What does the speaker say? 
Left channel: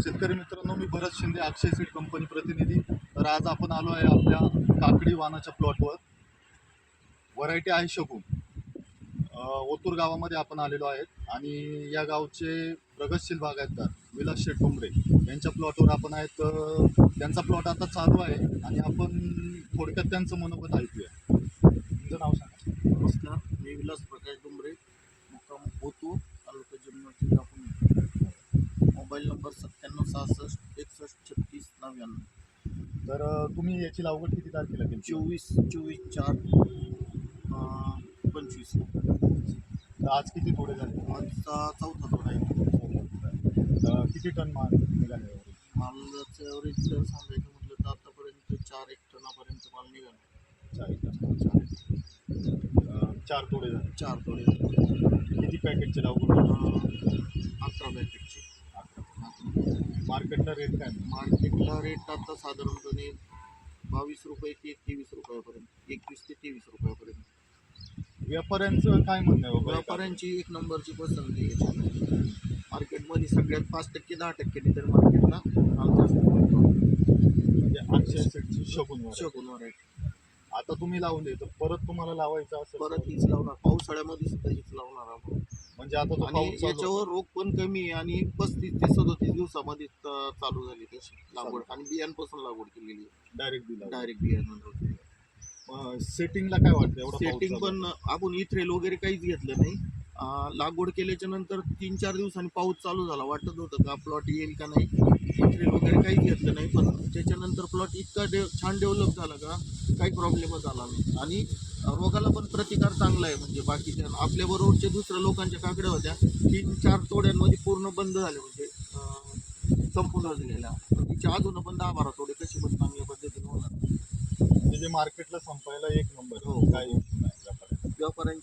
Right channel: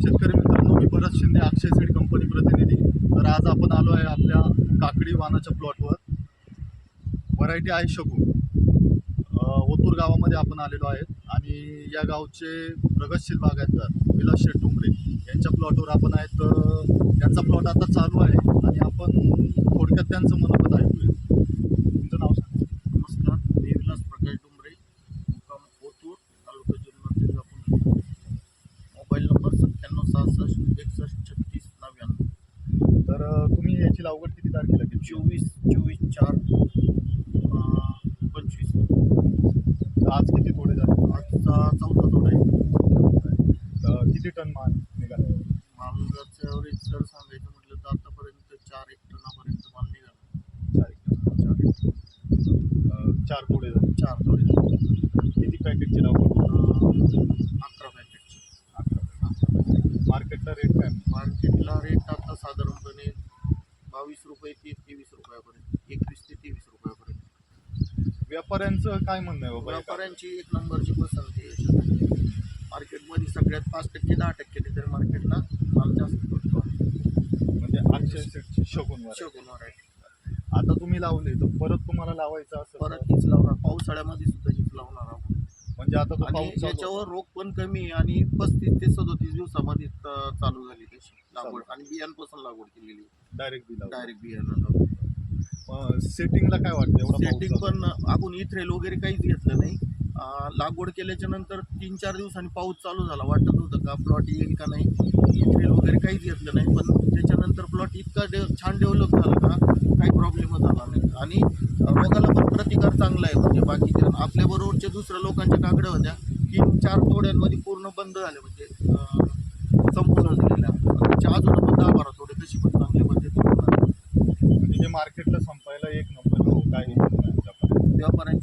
शेतकरी मित्रांनो मी भरत शिंदे अक्षय सीड कंपनी प्रतिनिधी. तर आज आपण आलो आहे आपल्या काकडी वाहनाच्या प्लॉटवर व्हरायटी आहे शकून. ओतूर गावामध्ये आपण आलेलो आहेत. आणि या गावचे प्रगतशील बागायतदार विलास शेठ डोंगरे. यांच्या प्लॉटवर आपण आहेत तर त्यांचा प्लॉट आता चालू आहे. आणि आपण थोडक्यात त्यांचं मनोगत ऐकूया. तुमचं नाव सांगा. नमस्कार मी विलास प्रकाश डोंगरे मुक्काम ओतूर तालुका जिल्हा जिल्हा मोबाईल नंबर सहासष्ट एकसष्ट छत्तीस नव्याण्णव. तर तुम्ही याची लागवड किती तारखेला केली? चोवीस चोवीस चार पंचवीस. तर आज किती तोडे झाले? आजचा चौथा तोडा आहे. किती टन माल निघाले मालाचं ॲव्हरेज जर सांगायचं म्हटलं तर आतापर्यंत चार एक टनापर्यंत माल निघाला. चार एक चार एक चार तोडे झाले. चार तोडे किती पॅकेटची लागवड अकरा पॅकेटचे. मार्केटला रेट काय? मार्केटला रेट आता साधारणपणे बावीस रुपये ते तेवीस रुपयापर्यंत एकवीस ते तेवीस रुपयापर्यंत. व्यापाऱ्यांचं काय म्हणणं आहे बाबा? व्यापाऱ्यांची एक नंबरची पसंती आहे याच्यामध्ये. मार्केटमध्ये सगळ्यात पाच टक्के दहा टक्के तर मार्केटला माल जास्त मिळतो म्हणजे शगुन variety. शगुन variety. आता तुम्ही लावले तर परत तुम्हाला लावायचं तर- परत हीच लावणार. पावसाळ्यामध्ये सुद्धा हीच लावणार आपण. म्हणजे आता तो आणि पाऊस चालू याच्यावर रोग पण कमी आहे आणि पस्तीस ते सदोतीस दिवसामध्ये त- चालू झाली त्याची लागवड आणि बियांपासून लागवड केलेली डायरेक्ट दिला डायरेक्ट बियाणं सेटिंगला काय वाटतं? एवढा पाऊस सेटिंग चालू. पण आपण इथ्रेल वगैरे काहीच घेतलं नाही. लागवड केल्याच्यानंतर तीन चार दिवसांनी पाऊस चालू झाला. वाटत होतं का प्लॉट येईल का नाही इथ्रेल वगैरे काहीच घेतलं नाही पण त्याच्यानंतर प्लॉट इतका डे छान डेव्हलप झाला का काही प्रॉब्लेमच आला नाही. आणि रोगाला पण प्रतिकार चांगला आहे म्हणजे बाकीच्या आपल्या बरोबरच्या दुसऱ्या लोकांच्या काकड्या होत्या. तीन चार तोड्यांमध्ये पूर्ण बंद झाले म्हणजे संपूर्ण झालेल्या. त्याच्या अजून पण दहा बारा तोडे कशी पण चांगल्या पद्धतीने. म्हणजे जे मार्केटला संपायला एक नंबर हो काय व्यापारी व्यापाऱ्यांची